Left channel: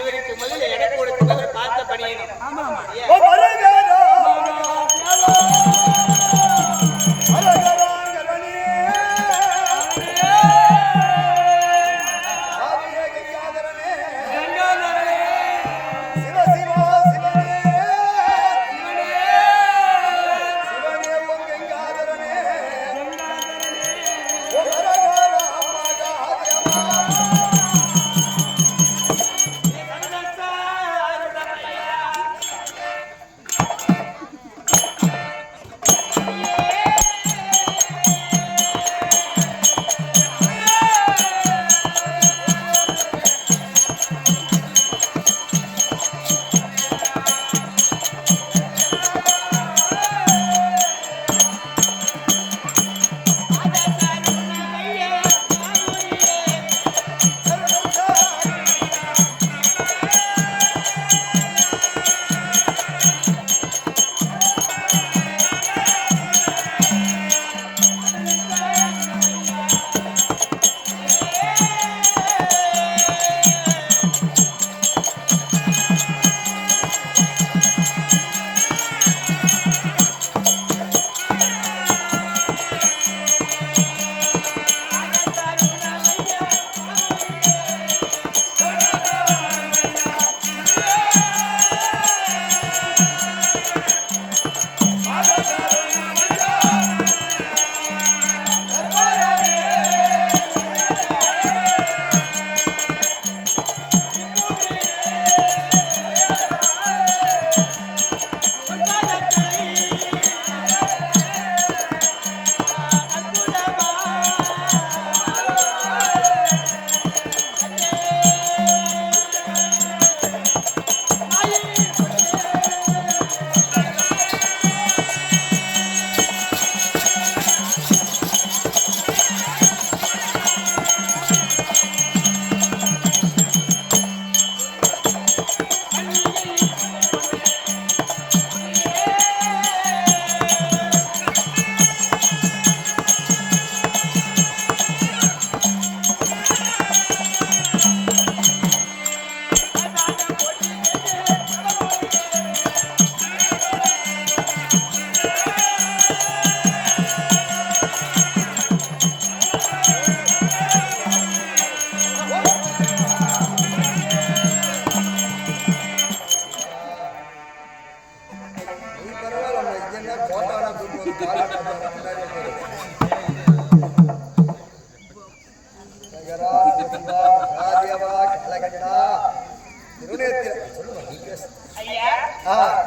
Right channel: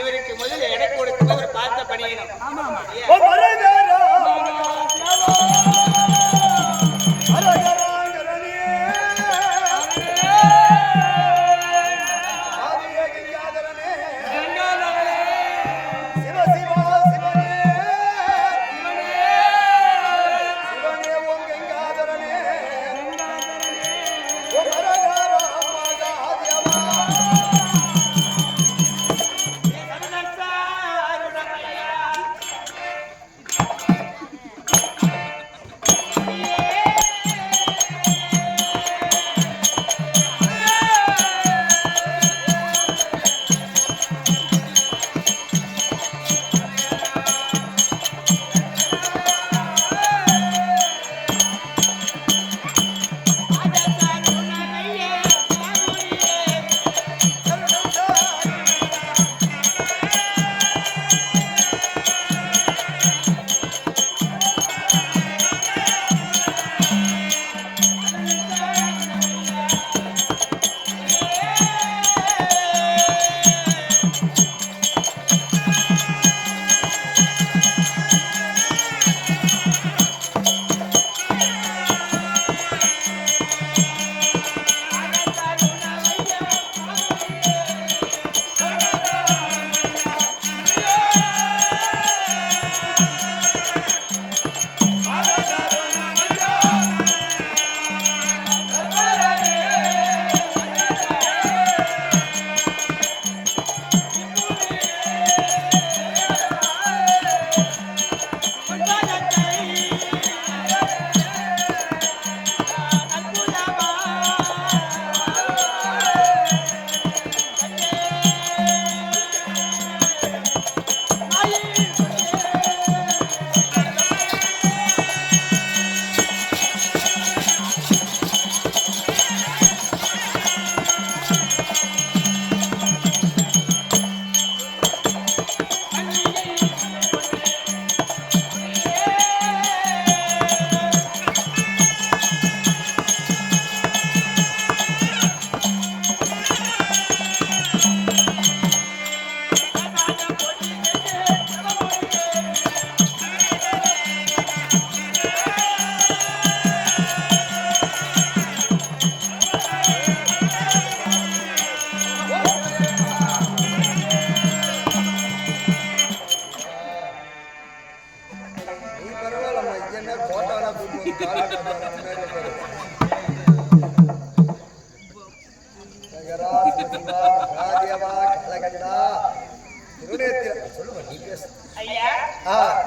இவருக்கு முதல்ல எடை கொடுக்கும்போது பார்த்த பணியணும். ஆமா ஆமா.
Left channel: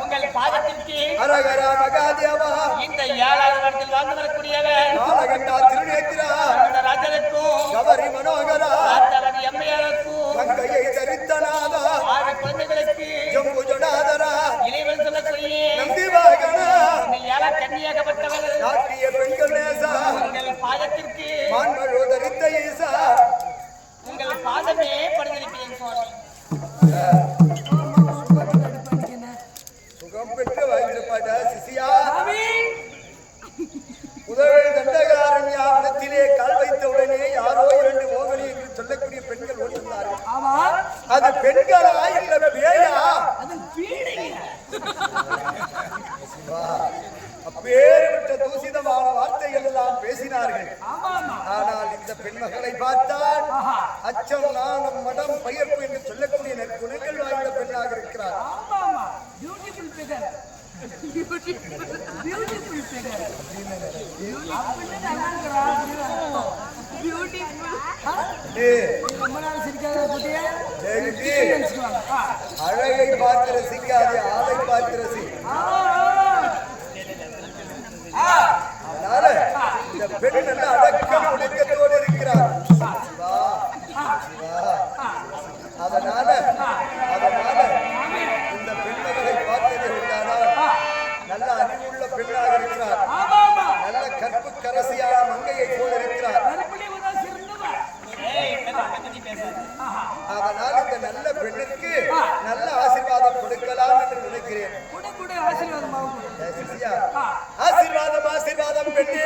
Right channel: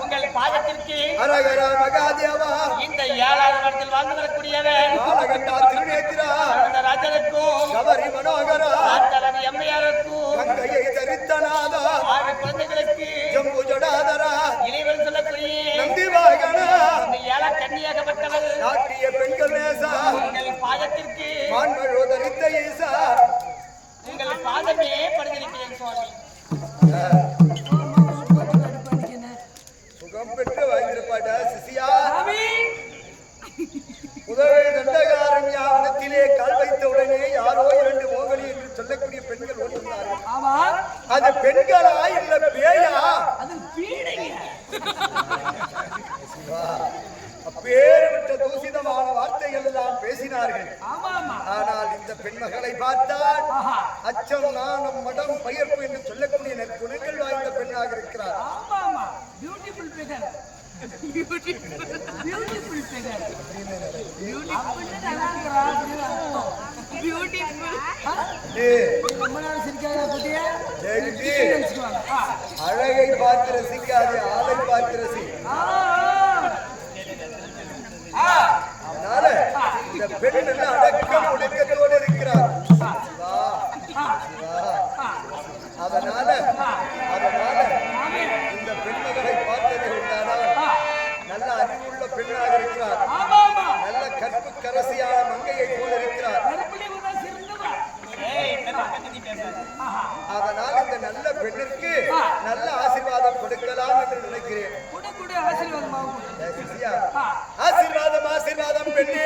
உங்கள் பாதத்திற்கு அரகரா மகாதேவா. இந்த 7வது வருடத்தில் வாழ்ந்து வரக்கூடியவர் காலகண்டா திருநேத்திரா ராஜனுக்கும் கவரி மனோகரா தனது எம்மையாருக்கும் கங்கையை தரித்தனாதா 6 குழந்தைகளுக்கு ஜம்பு ஜடாதரா இளைவன் சொல்லக்கூடிய நந்தி வாகனா இந்த 7 கன்னியாகப்பட்டவர் நாட்டிய பெண்கள் நேசா உங்கள் பாதத்திற்கு மான்மழு தரித்த ஈசா உங்கள் பாதமே படுத்திருக்கிறேன் சுவாமி. சுகம் பெற்று வாங்கியிருப்பாட்டா சிசியா. முதல் தண்டகாரண்யா வனத்திலே கால் வைத்த உடனே யாரோ 2 மோகலி என்று சொல்லக்கூடிய பெண்கள் ஓட்டிருந்தார்கள். அது பெண்களா இல்ல பேயா? அப்பேற்பட்ட தூசிதமான வார்த்தைகள் எல்லாம் பேசினார்கள். ஆனால் இந்த பெண்மகளை பார்த்தால் அச்சம் நாணம் மடம் பயிர்ப்பு என்று சொல்லக்கூடிய நற்குணங்கள் வாய்ந்த பெண்ணாக இருக்கிறார். அழகை பார்த்து ரசிக்காதே, ஆளை பார்த்து ரசி. அதனால இந்த பெண் நல்ல அடக்கம் ஒடுக்கத்தோடு இருக்கிறார். அதனால இந்த பெண்மகளை பார்த்ததை உண்டானால் நல்ல அறிவுள்ள பெண்ணாக இருக்கிறார். நல்ல கற்பு கரசியான மங்கையை போல இருக்கிறார். அதனால் இந்த நல்ல பெண்ணிற்கு நல்ல ஆசீர்வாதம் கொடுக்கலாம் என்று நினைக்கிறேன். ஆசீர்வாதம் ஆசீர்வாதம் பெண்ணே.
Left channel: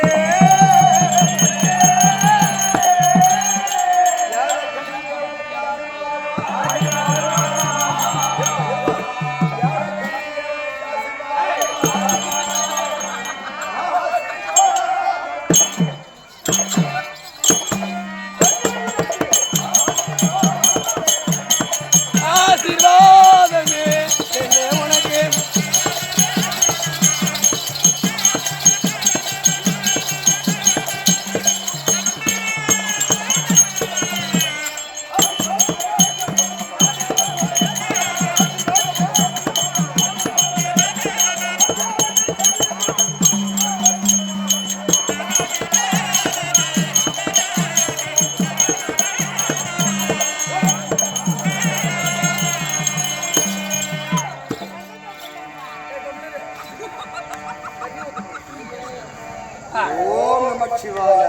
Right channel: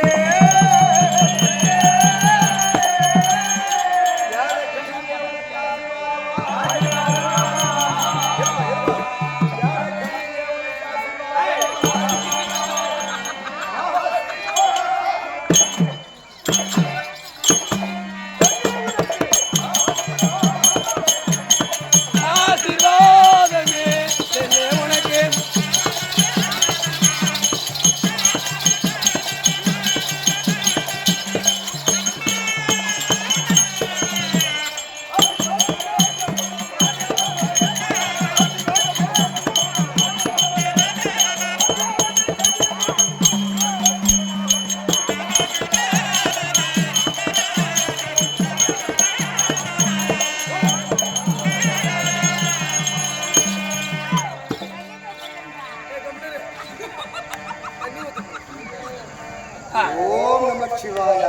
ஓம் நமச்சிவாய.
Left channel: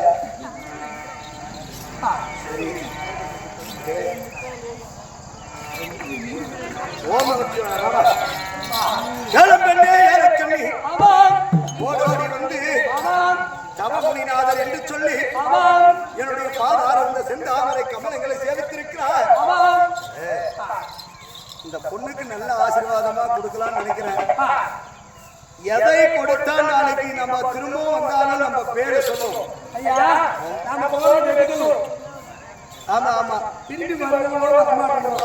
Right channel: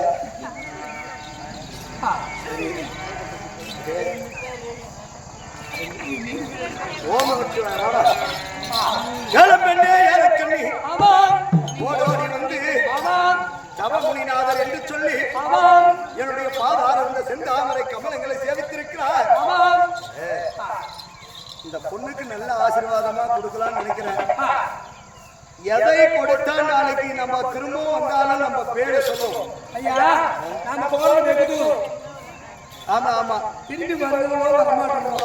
சரி. ஓம் நமச்சிவாய. வாடா. ஏலம்பெண்ணே ஏலக்கண்ணி. ஓடோடி வந்து தவமுனிநாதர் என்று சொல்லி என்னுடைய பாதார இந்த செந்தாமரை கமலங்களை சேவித்திருக்கிறார். இந்த பொண்ணுக்கு நல்ல ஆசீர்வாதமா கொடுக்கலாம்னு நினைக்கிறேன். எதை கொடுத்தா நாளைக்கு நம்ம திரும்பவும் வந்தாலும் நம்ம பேரை சொல்லும். ஐயா நாம போறது ஆமா ஆமா, திரும்பி வருவங்களோ வரமாட்டோங்களோ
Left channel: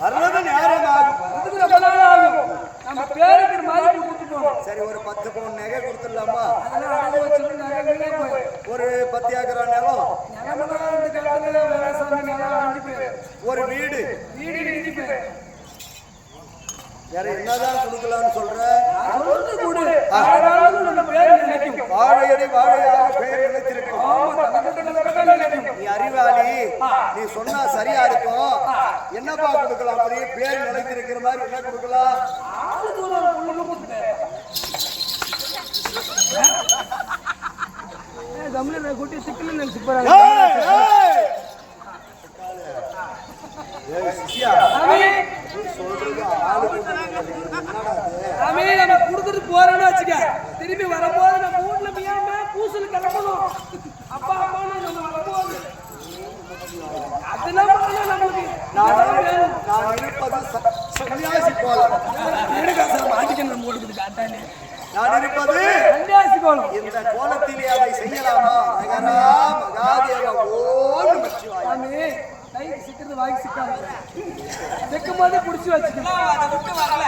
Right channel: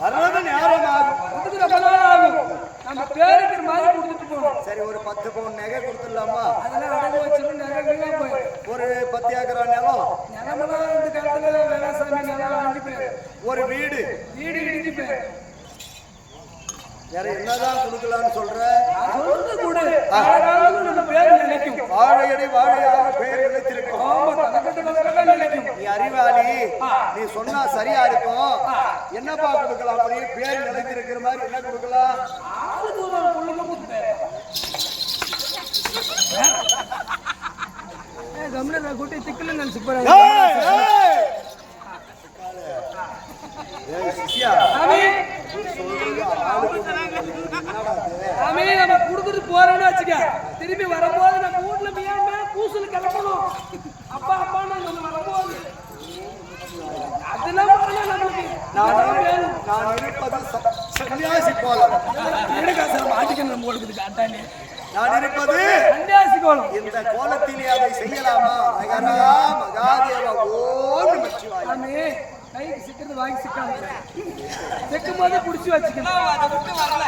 வர்றது நேரம் ஆகும், வரதுக்கு ரொம்ப நாள் ஆகும். நம்ம பேருக்கு மாதிரி கொடுத்துட்டு போகணும். சரி, ஒரு 10 பவுன் நகை கொடுத்துடலாமா? அதெல்லாம் அடகு வச்சிருந்து நகை வீணா போயிடும். ஒரு 10 ஏக்கர் நிலம், நிலமெல்லாம் இந்த காலத்துல வேளாசாமி நிலம் அழிஞ்சு போயிடும். ஒரு வீடு இடிஞ்சு போயிடும். வேற என்னதான் கொடுக்கலான்னு சொல்ற? நான் சொல்றது கூட காலகாலத்துல நம்ம பேர் நினைக்கும். வாழையடி வாழையாக பெயர் நிலைத்திருக்கும். ஆமா, தலைக்கட்டு தலைக்கட்டா நினைக்கும். நீ அறிவாளி, நீ சொன்னா சரியா இருக்கும். என்னப்பா கொடுக்கலாம்? அப்படியே பேர் நிலைத்திருக்கிற மாதிரி என்ன கொடுக்கலாம்? ஆளுக்கு ஒரு புள்ள கொடுத்துட்டு போயிடலாம். கம்முன்னு குட்டி சிக்கல நினைச்சு நம்ம குடுத்துட்டு போறேன்னு வச்சுக்க, திரும்பி வரும்போது நம்ம வீட்டுல மியாம பூசல் கிளம்பணும். அப்பா அப்பா நம்ம வரும்போது அதெல்லாம் நம்மளுக்கு நான் இருப்பது சன்னியாசி கோலம். மாட்டிக்கணும் போடுக்குது காட்டானே. நான் இருப்பது சன்னியாசி கோலம். இந்த கோலத்திலே அதை செய்யலாமா? நகரா மகாதேவ ஓம் நமச்சிவாய. கைக்கு சிக்கிறது வாங்கி சிக்காது. சிக்கும் போது புடிச்சு வச்சுக்கணும். அதை விட்டு வரல,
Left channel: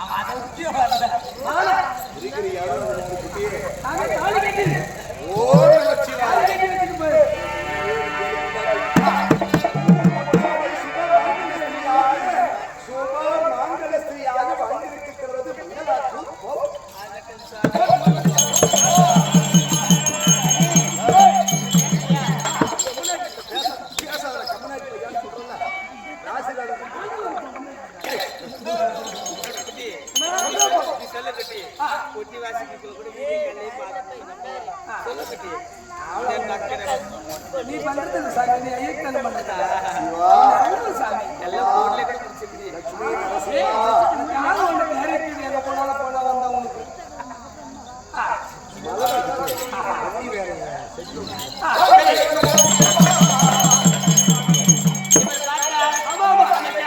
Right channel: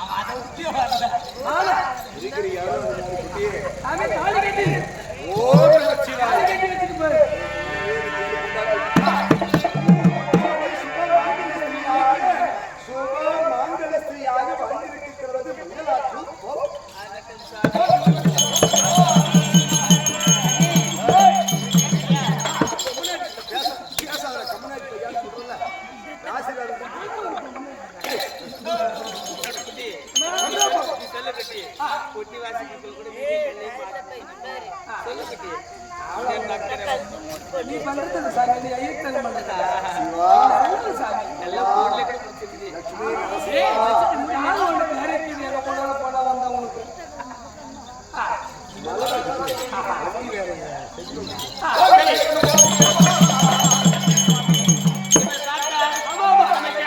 அவன் அதை விட்டு வரல. இருக்கிற யாரும் தாலி கட்டி ஓம் நமச்சிவாய. தாலி கட்டி வச்சுட்டு போய் சுப மாங்கல ஸ்திரீயாக வாழ்ந்திருக்கிறது மங்களாற்றும். நீ பண்றது சாமி, நீ ஐயத்தனம் பண்றதா? சாமி லட்சுமி நரசிம்மா எங்க போனாலும் போனா வந்தா உனக்கு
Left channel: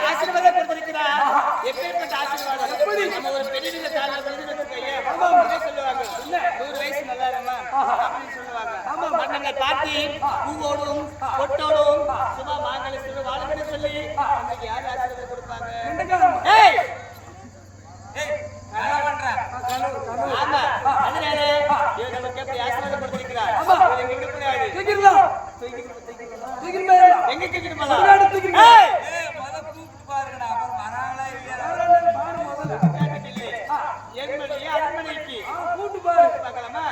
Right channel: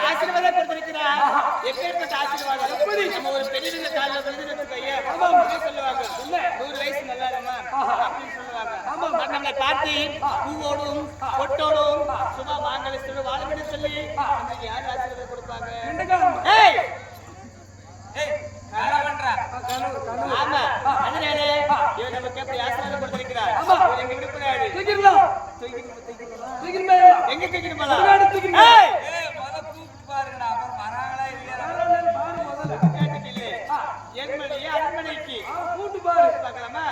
ஆசீர்வாதம் கொடுத்திருக்கிறார். எப்பேற்பட்ட ஆசீர்வாதம்! எப்படி நம்ம ஒரு பெரிய காலில் விழுந்து சொல்லுவாங்க, 100 வயசு நல்லா இருமா அப்படின்னு சொல்லுவாங்க. நம்மளை பார்த்து பூவோடும் பொட்டோடும் சுபா மாங்கலத்தோடு வாழணும்னு சொல்லி நம்மளுக்கு யாரு ஆசீர்வாதம் கொடுப்பாங்க? ஆமா, அதனால நமக்கு எப்படி ஆசீர்வாதம் கொடுத்திருக்கிறார். எங்க விடக்கூடாது. எங்க தூக்கிட்டு போலாம்? பாருங்கடா, அப்புறம் வராங்களா இல்லையா? அரண்மனைக்கு கூட்டு பாரு பார்க்கலாமா?